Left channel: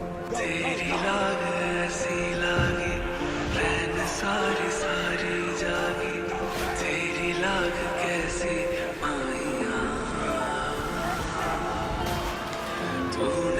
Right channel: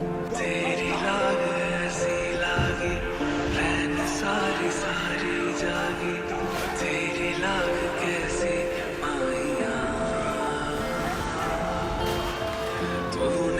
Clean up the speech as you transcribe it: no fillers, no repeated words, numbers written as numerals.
तेरी लाग ऐसी लागी, रैन सारी सारी जागी। तेरी लाग कैसी माहिया, तूने